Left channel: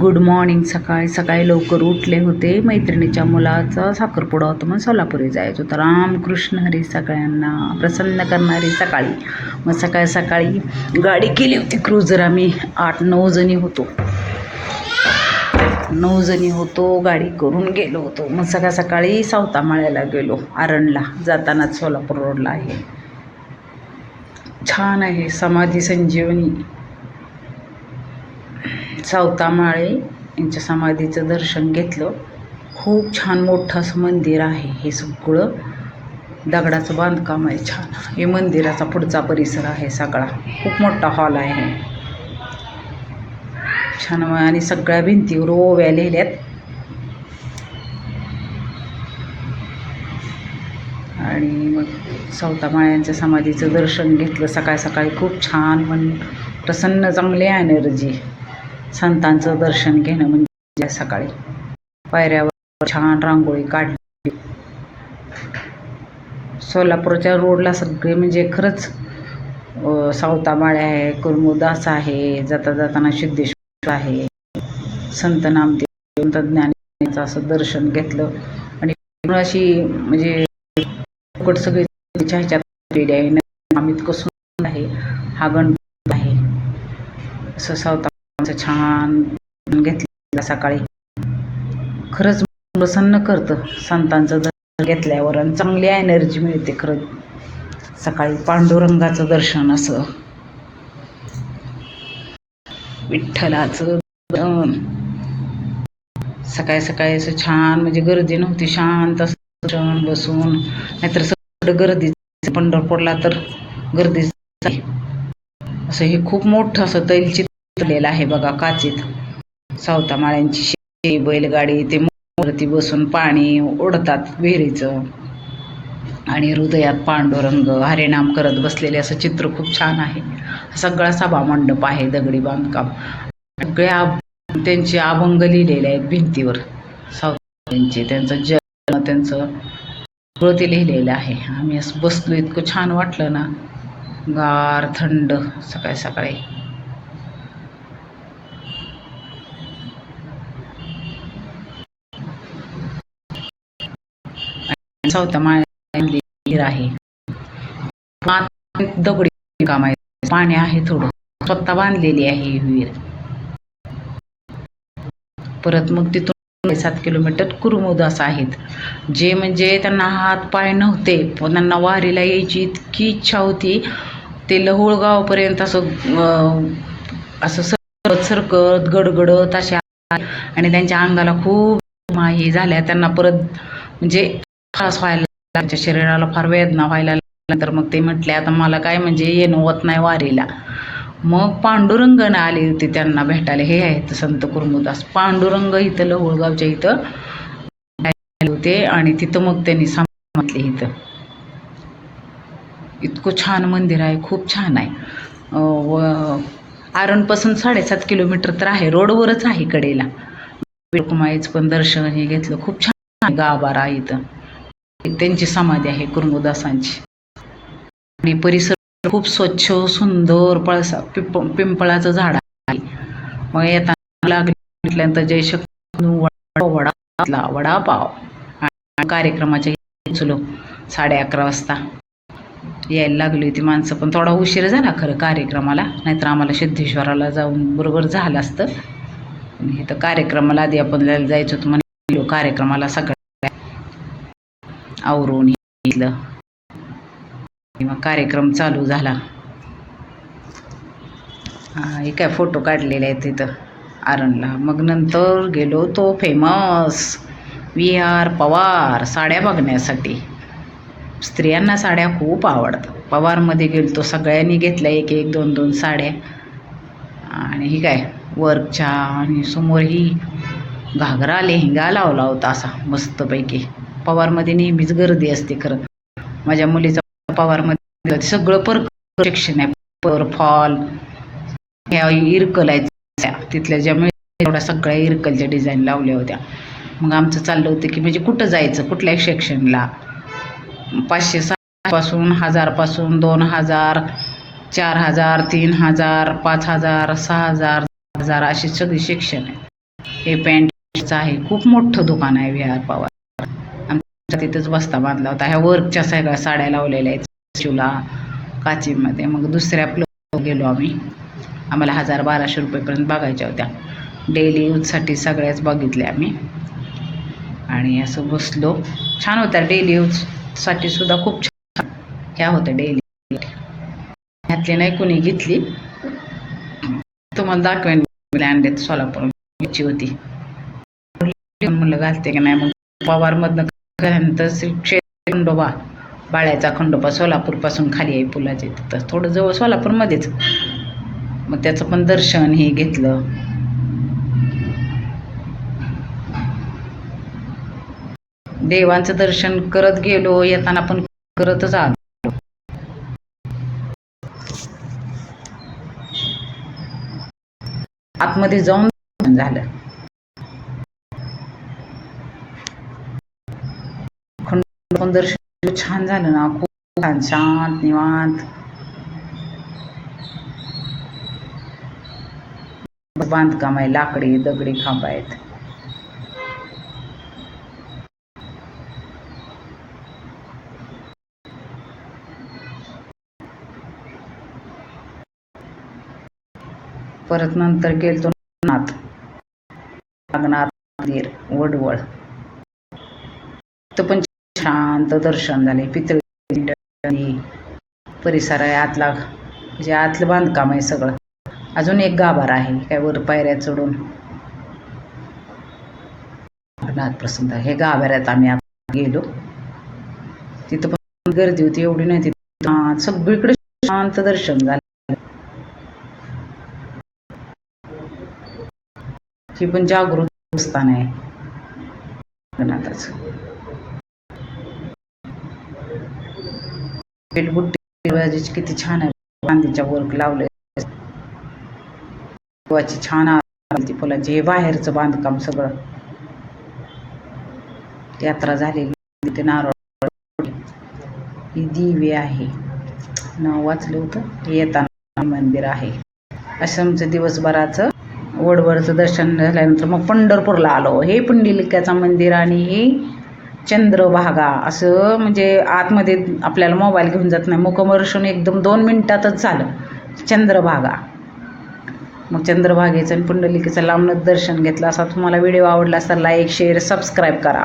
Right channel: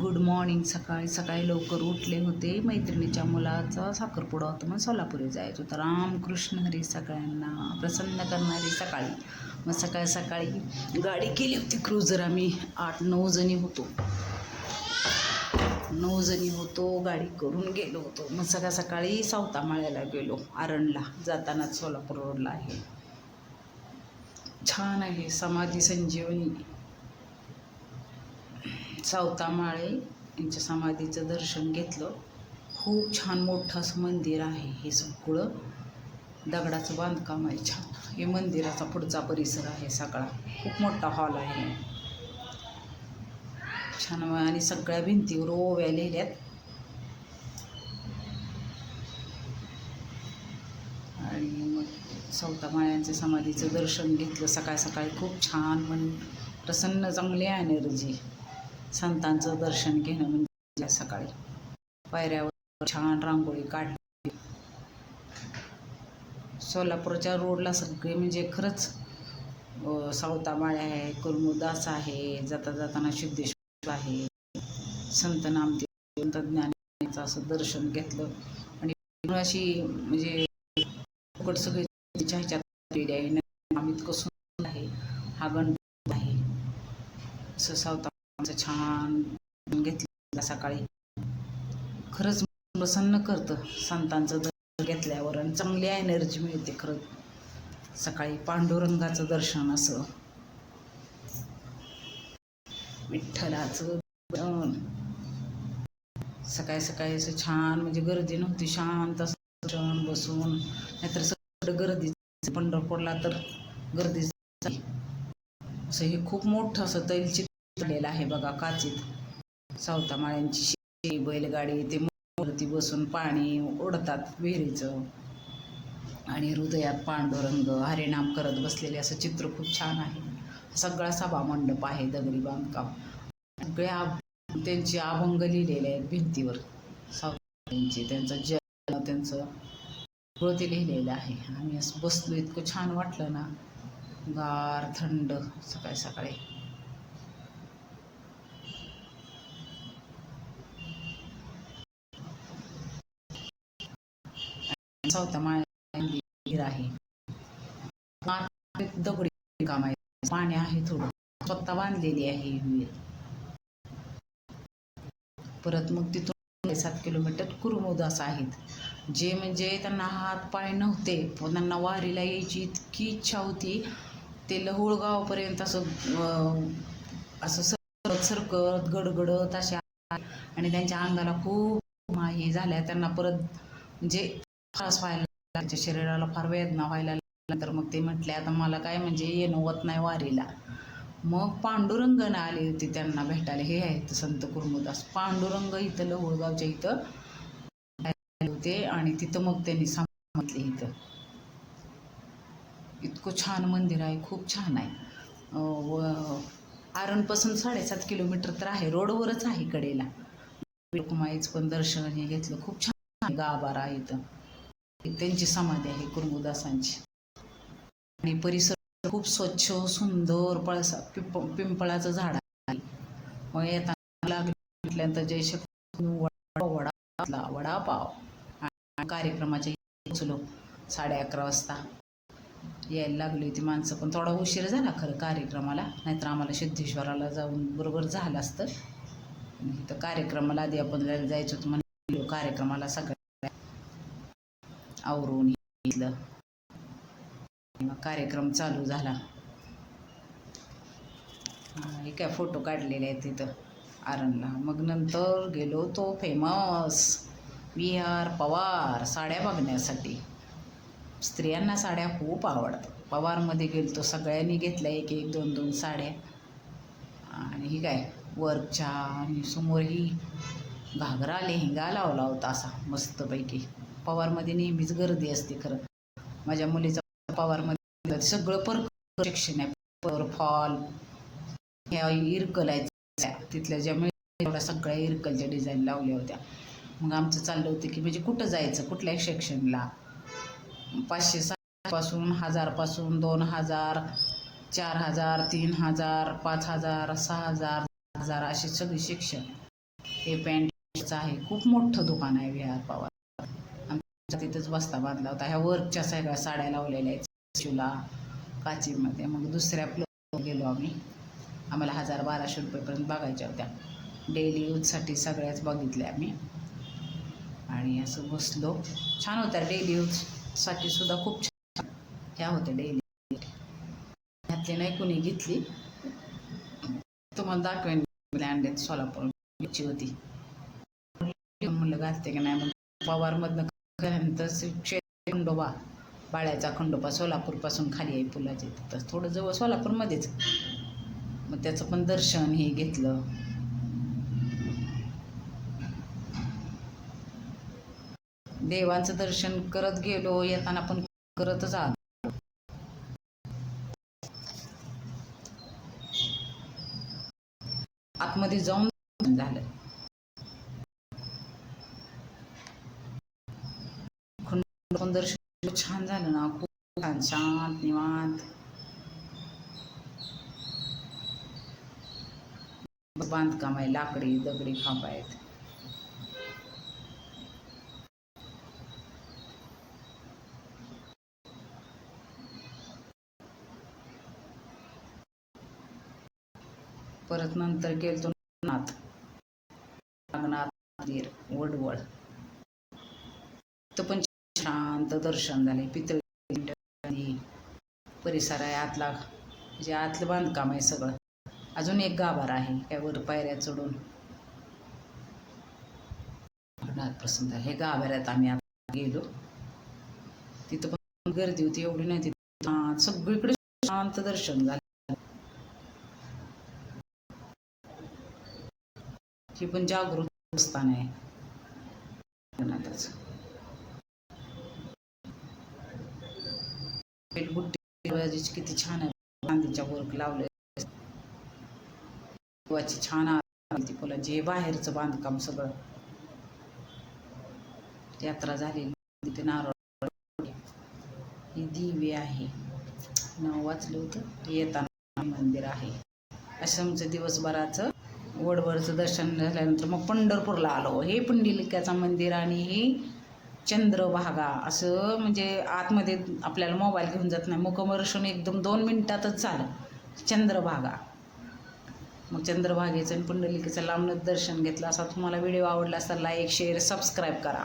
Good morning. सकाळी सकाळी लवकर उठले होते. मैत्रिणीच्या मुलाचा साखरपुडा होता म्हणून सोलापुरी जायचं होतं. रामकृष्ण हरी. सगळ्यांना प्रसन्न करणारी सकाळी. मग सकाळी सकाळी गाडी केली होती क्रुझर. आम्ही 8-9 जणी होतो. 9 जणी होतो. गाडी करून गेलो होतो. मग सकाळ सकाळी सावतामाळ्याला गेलो. आरणला जातानाच सोलापूर रोडला आहे. छान आहे. समाधी संजीवनी सावतामाळे यांच्या समाधीचं दर्शन घेतलं. खूप छान मोठं असं मंदिर आहे. हे सगळं दगडाचं बांधकाम आहे. छान. हे मंदिराचा पुढचा परिसर आहे सगळा. खूप मोठा हॉल आहे. छान. आणि सगळ्या भिंतीवर ओव्या लिहिल्यात. आणि मग सावतामाळ्यांच्या समाधीचं दर्शन घेतलं सकाळी सकाळी. खूप छान. मन प्रसन्न, चांगली एनर्जी. संतांचं दर्शन घेणं म्हणजे सकाळी पायऱ्यावर छान रांगोळी काढली. सोलापूरच्या रोडला सगळे म्हणजे खरंच सावतामाळे आहे, कुर्मुदास आहे, जाता जाताना सिद्धेश्वर आहे, संत नामदेव, संत ज्ञानेश्वरांचं असं दर्शन घेतलं. आणि अशी म्हणजे सगळी ह्याच्यात आहे. अमित कसून आहे. हा गणपती आहे. असं सावतामाळ्यांचं छान घेतलं सकाळी. खरंच प्रसन्न करतं संतांचं दर्शन घेतल्यावर. आणि चांगली एनर्जी मिळते खरंच सकाळी. पांडुरंगाचं दर्शन असं, विठ्ठलाचं सकाळी सकाळी असं छान. म्हणजे गर्दी नव्हती. शांत असं बसून. नाहीतर सगळं गर्दी. पंढरपूरला तर गर्दी असं. हे खूप मोठं असं तैलचित्रलेलं आहे बघा काचेत. सावतामाळ्यांची बैलगाडी, ते मूर्ती बसून पाणी ओढतात विहिरीचं. आणि हृदयात पांडुरंग हरिनाम करत बसलेले असं चित्र खूप छान आहे. सगळा सभा मंडप आहे. दगडी बांधकाम. सगळ्या त्यांचे अभंग लिहिलेले आहेत भिंतीवर. सावतामाळ्यांचे, त्यांचं जन्म, त्यांचं सगळं ते लिहिलेलं आहे. आम्ही असं बसलो. इतकं छान वाटलं ना. गार थंड सकाळी सकाळी. सावतामाळे मंदिर आहे. दगडी काम आहे. पाणी आहे थोडं. स्वतः बांधलेली आहे ही विहीर. परत मग तिथून 7 किलोमीटर कुर्मुदास आहेत. जे म्हणजे त्यांना हात पाय नव्हते पण त्यांना वारीला यायची इतकी इच्छा होती. ते लहुळगावपर्यंत असं सरकत सरकत गडगडत अशा. आणि त्यांच्या अंगाला खूप हे झाल्या. त्यांना परत म्हणजे त्रास व्हायला, त्यांच्या शरीराला फार वेदना व्हायला लागल्यानंतर मग ते म्हटले आता मला काय म्हणजे येणं होत नाही वारीला. मग पांडुरंगानं आले होते त्यांना भेटायला. हे आहेत संत कुर्मुदास. पांडुरंग इथं लहुळगावच्या इथं आले होते. आणि तिथं मग त्यांनी म्हटले इथं. इतकं छान मंदिर आहे. खूप छान आहे. आरणपासून 7.5 किलोमीटर तर आहे. रोडवरच आहे कडेला. रुक्माईचं पण दर्शन हे घेतलं. खूप छान गाभारा आहे इथं. त्यांची समाधी आहे कुर्मुदासांची. आणि परिसर खूप स्वच्छ सुंदर. पिंपळाचं झाड आहे. मग येताना लागल्यानंतर जयशक्ती वडापाव. आणि कार्यक्रमाच्या चलो 11:30 वाजता यायला लागली होती माणसं. पण थोडा उशीर झाला खरं कार्यक्रमाला. नाहीतर आम्हाला सिद्धेश्वराला जाऊन बरोबर झालं असतं. इथं कार्यक्रमाला आधी आपण जायचं होतं म्हणजे कार्यक्रमाला सगळं आवरून घेतलं. मग कार्यक्रम चालू झाला. हे काय फोटो काढलेले आहेत तिथं आरणला. मग नंतर गेलो तो फेमस विहार पवार साड्या बघण्यासाठी. स्त्रियांना साड्या खूप आवडतात. पवारमध्ये गेलो तो. सगळ्यांनी घेतल्या 1-1, 2-2 साड्या. आणि ही काय वर्कच्या. आणि समोर ही घागरा लेहंगा लावला होता असा मस्तपैकी. पवारमध्ये नेहमीच गर्दी असते खरं. माझ्या मुलीचा पवारमध्ये सगळं सेक्शन आहे. फॉल ह्या इरकल आहेत तिथल्या. ज्यामुळे एवढ्या सगळ्या इरकलच्या डिझाईन लावल्या होत्या. मग आमचं चाललं होतं की म्हणजे कुठं जायचं, कुठल्या सेक्शनला. 500 पासून 1000 पासून 2000, 4000, 3000, 5000, 6000, 1000 अशी सगळी सेक्शन आहे. हे पॅन्टचं आहे, खूप मोठं दुकान आहे विहार पवार. आमच्या तिथंच बस्ता बांधला होता. ह्या वर्कच्या सगळ्या साड्या लावलेल्या आहेत शिवला काचीमध्ये. मग दुसऱ्या फ्लोअर गेलो आम्ही. आम्हाला 1200 रुपयेपर्यंत बघायच्या होत्या. डेली यूजसाठी सगळ्याच बघितल्या आम्ही आणि असं बसलो. छान होत्या डेली यूजसाठी सुद्धा, खूप छान ह्या होत्या डेली. ह्यातली नाही कोणी घेतली, तुम्हाला दाखवेन. आणलेत सोलापूर घ्यायची होती म्हणलं घालते की नाही. मग पवारमधनं घाल्यानंतर खंडोबा, बाळ्याचा खंडोबा सोलापूरपासून खाली आहे पुलाचे तिथं थोडं जवळ सोलापूरमध्येच. मग त्याचं पण दर्शन हे घेतलं. देवांचं दर्शन करत गेलो, येताना पण करतच आलो. आतमध्ये जाऊन झालं. खंडोबा दर्शन छान झालं ना, खूप छान, शांत निवांत. बांधकाम आहे, लाकडी दगडी खांब आहेत. परत नंतर गेलतो नागनाथ मंदिर वडवळ. तिथं पण शांत दर्शन झाले. पितळी परिसर आहे आतला, म्हणजे आतलं बांधकाम आहे सगळं. अजून एक गाभारा आहे काय वर पायऱ्या चढून नाथ प्रसन्न. हे गाभाऱ्यात आम्ही आता गेलो. तिथं पण गर्दी होती, एवढी नाही. तिथं सगळीकडे शांत दर्शन झालं. ही पण जागृत स्थान आहे नाथाचं. बेलबुट्टी किती छान आहे, चांदीच्या वर्क लावले. छान आरती फुलांची. हे बाहेरचं बांधकाम सगळं. यात्रा झालेली तिथे नारळ, ही दिवे आहे, नाव वाचलं होतं. येताना मंदिर आहे. असं आमचं दिवसभराचं वडवळचं दर्शन झाल्यानंतर मग पंढरपूरला आलो. हे पुंडलिकाचं मंदिर आणि हे चंद्रभागा. असं म्हणजे आतमध्ये आपल्याला मोबाईल घेऊन जात नाही, मुखदर्शन एकदम 2 मिनिटातच झालं. चंद्रभागा. मग चंद्रभागेचं आणि पुंडलिकेचं लांबनच दर्शन घेतलं. असा तुम्हाला व्हिडिओ आवडला तर लाईक शेअर सबस्क्राईब करा.